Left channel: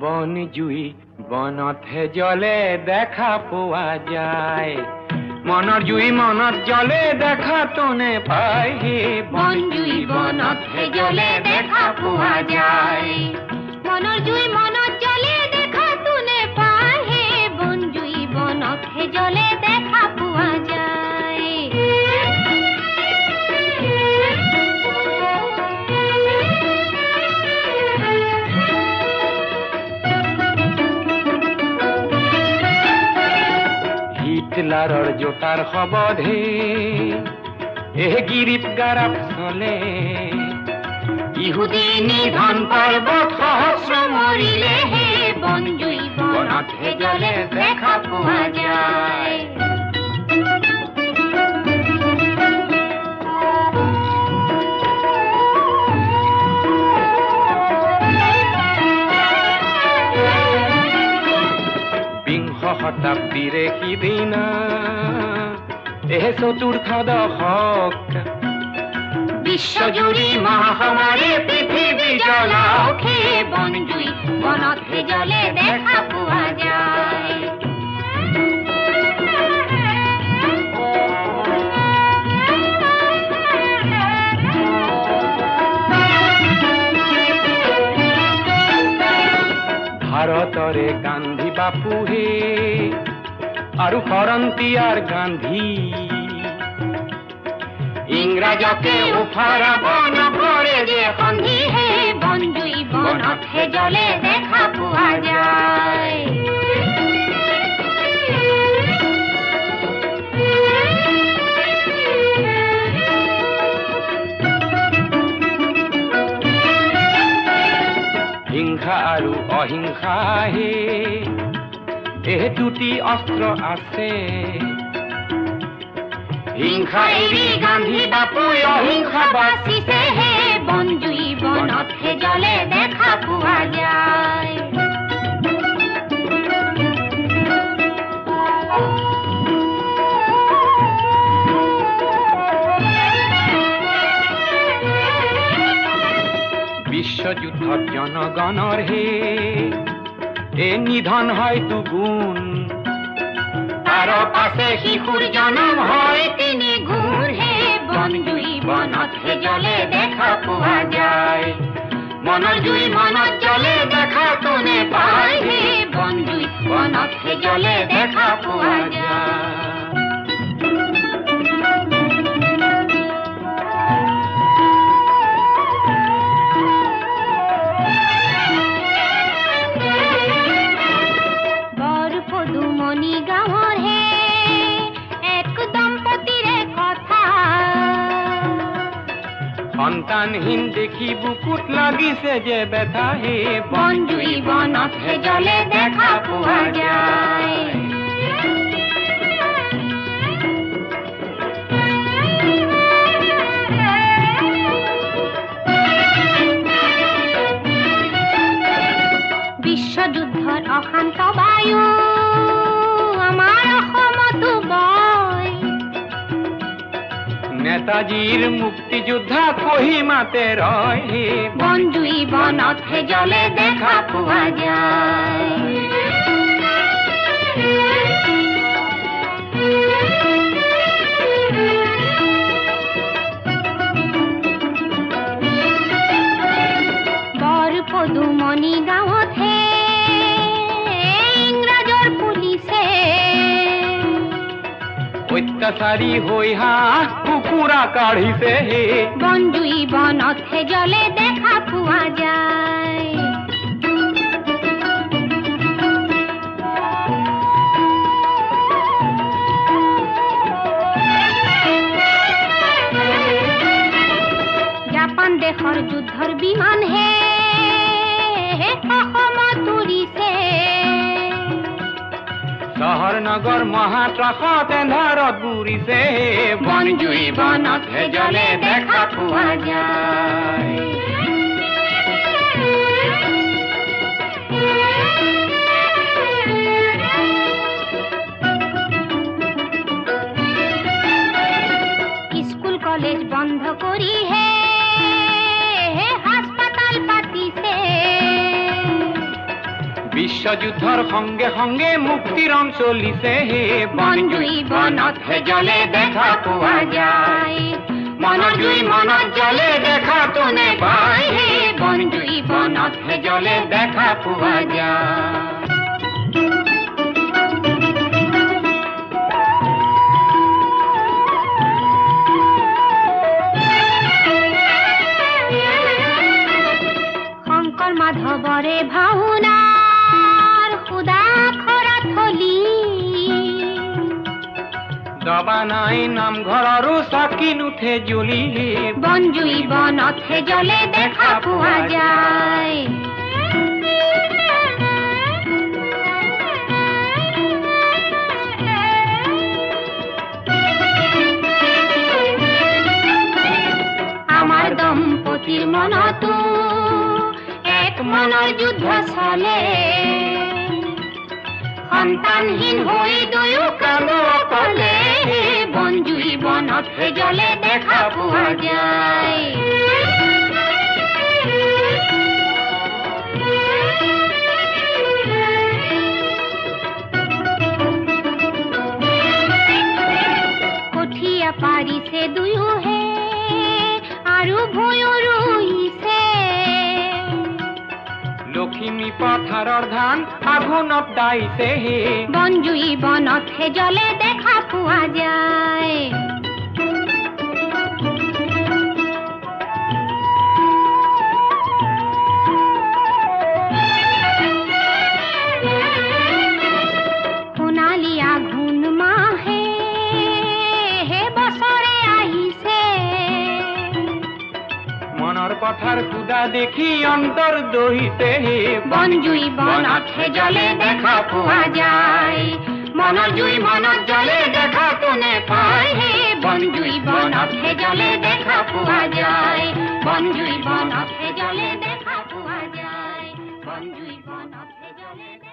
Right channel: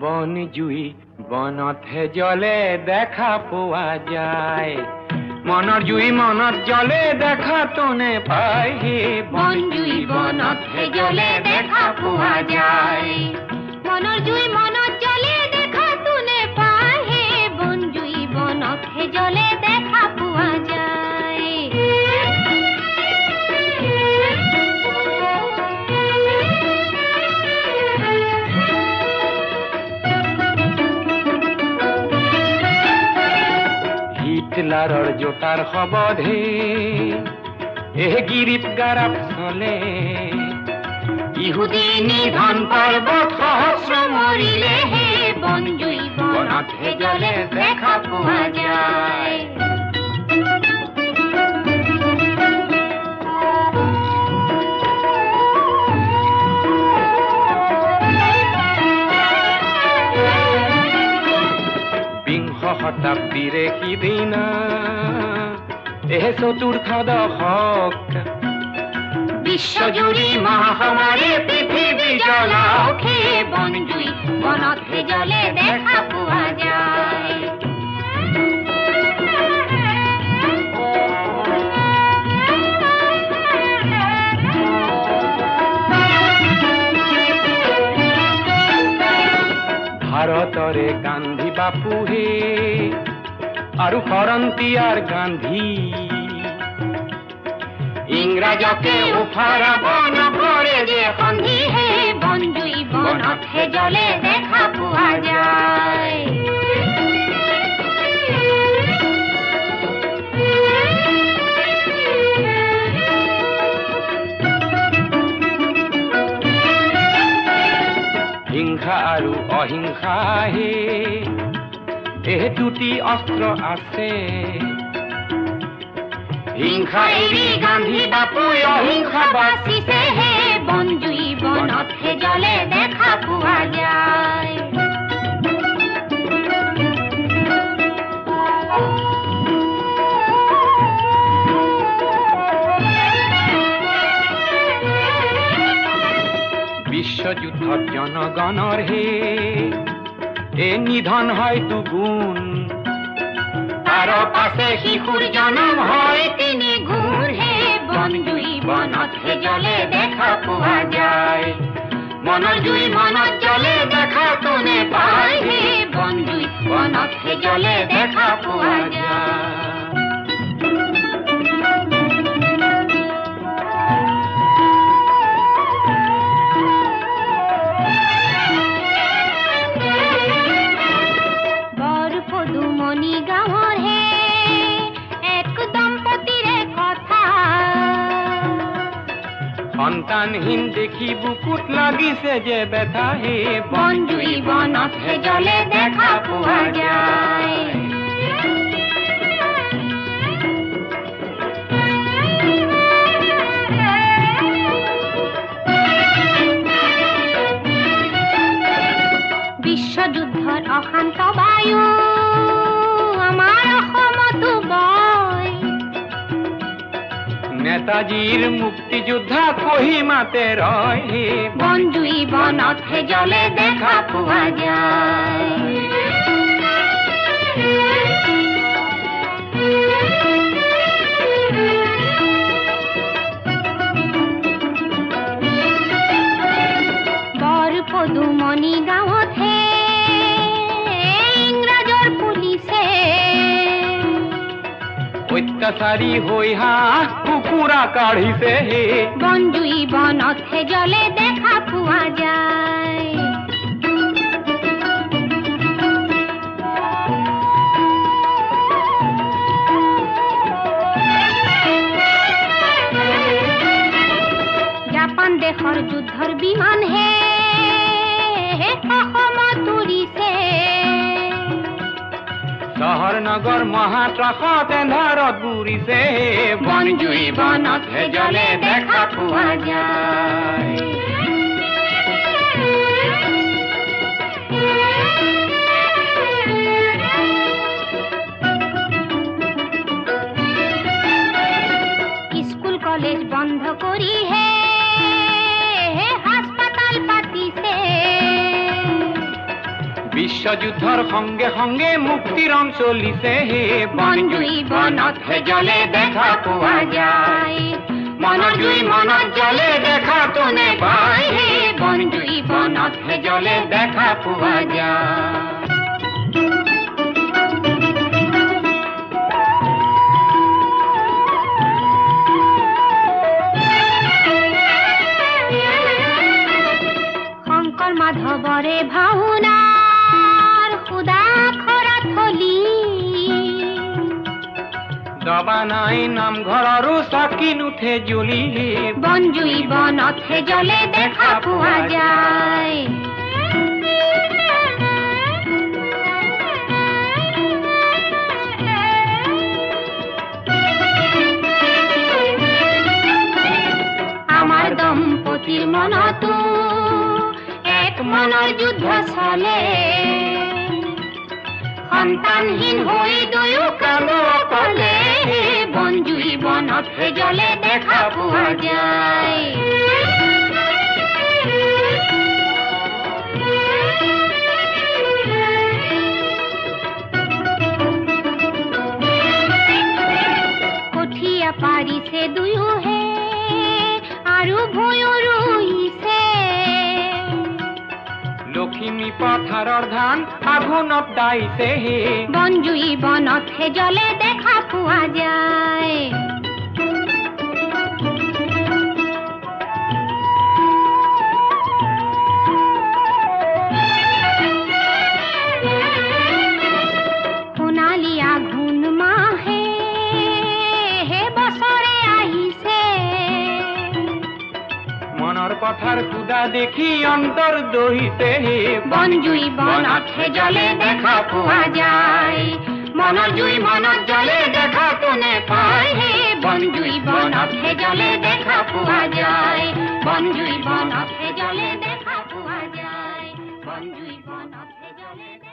বন জুই বনতহে জ্বলে দেখা পোৱা যায় মনৰ জুই মনত জ্বলে দেখা তনে পায় হে বন জুই বনতহে জ্বলে দেখা পোৱা যায় মনৰ জুই মনত জ্বলে দেখা তনে পায় হে বন জুই বনতহে জ্বলে দেখা পোৱা যায় হিটলাৰৰ জোতাৰ শবদে গিৰিপ গাৰাপ চলে ইহুদী নিধন পৰ্বত সহস্ৰ মৰিলে হে বন জুই বনতহে জ্বলে দেখা পোৱা যায় বিংশ শতাব্দীৰে সিদিনা চতুৰ্থ দশক বিশ্বজুৰি মহামাৰী পৃথিৱী জ্বলাওকে বন জুই বনতহে জ্বলে দেখা পোৱা যায় ভাৰতৰে গান্ধী বাপুহে আৰু কৰন্তিয়াৰ গান্ধী ইংৰাজকে উফাৰাব নকৰে যে সন্ধি হে বন জুই বনতহে জ্বলে দেখা পোৱা যায় হিংসা আৰু অহিংসাহে দুটি অস্ত্ৰ আছে হিংসা এৰি গান্ধী বাপুই অহিংসা বাচিছে হে বন জুই বনতহে জ্বলে দেখা পোৱা যায় বিশ্বযুদ্ধত জনগণৰ হে নিধন হয় দুগুণ তাৰ পাছে শিশুৰ জনম হয় তিনি গুণ হে বন জুই বনতহে জ্বলে দেখা পোৱা যায় মনৰ জুই মনত জ্বলে দেখা তনে পায় হে বন জুই বনতহে জ্বলে দেখা পোৱা যায় সন্তানহীন দেখি বুকুত লাগিছে যে ব্যথা হে বন জুই বনতহে জ্বলে দেখা পোৱা যায় বিশ্বযুদ্ধৰ অশান্ত বায়ু আমাৰ অসমতো বয় নেতাজীৰ মুক্তিযোদ্ধা কহিমাতে ৰয় হে বন জুই বনতহে জ্বলে দেখা পোৱা যায় বৰপদুমণি গাঁৱতহে ইংৰাজৰ পুলিচে অত্যাচাৰী হৈ হাঁহ কুকুৰা কাঢ়িছে হে বন জুই বনতহে জ্বলে দেখা পোৱা যায় জাপান দেশৰ যুদ্ধৰ বিমান হে অসমত উৰিছে চহৰ নগৰ মহাত্ৰাসত এন্ধাৰত বুৰিছে বন জুই বনতহে জ্বলে দেখা পোৱা যায় স্কুল কলেজ বন্ধ কৰি হে হাস্পাতাল পাতিছে বিশ্বযুদ্ধৰ সংগে সংগে মুক্তিৰণ চলিছে হে বনজুই বনতহে জ্বলে দেখা পোৱা যায় মনৰ জুই মনত জ্বলে দেখাতো নেপায় হে বনজুই বনতহে জ্বলে দেখা পোৱা যায় মাধৱৰে ভাওনাৰ সুদা খৰা থলি দবা নাই নামঘৰৰো চাকি নুঠে জ্বলি বনজুই বনতহে জ্বলে দেখা পোৱা যায় আমাৰ দম্পতীৰ মনতো মনৰ যুদ্ধ চলে সন্তানহীন হৈ দুয়ো কাম কলে বনজুই বনতহে জ্বলে দেখা পোৱা যায় কঠীয়া পাৰিছে দুয়োহে আৰু ভূঁয়ো ৰুইছে লখিমী পথাৰৰ ধান আঘোণত দাইছে হে বনজুই বনতহে জ্বলে দেখা পোৱা যায় সোণালী আঘোণ মাহে হে বছৰে আহিছে মনৰ পথাৰ সুদা দেখি অন্তৰ দহিছে হে বনজুই বনতহে জ্বলে দেখা পোৱা যায় মনৰ জুই মনত জ্বলে দেখাতো নেপায় হে বনজুই বনতহে জ্বলে দেখা পোৱা যায় বনজুই বনতহে জ্বলে দেখা পোৱা যায় বনজুই বনতহে জ্বলে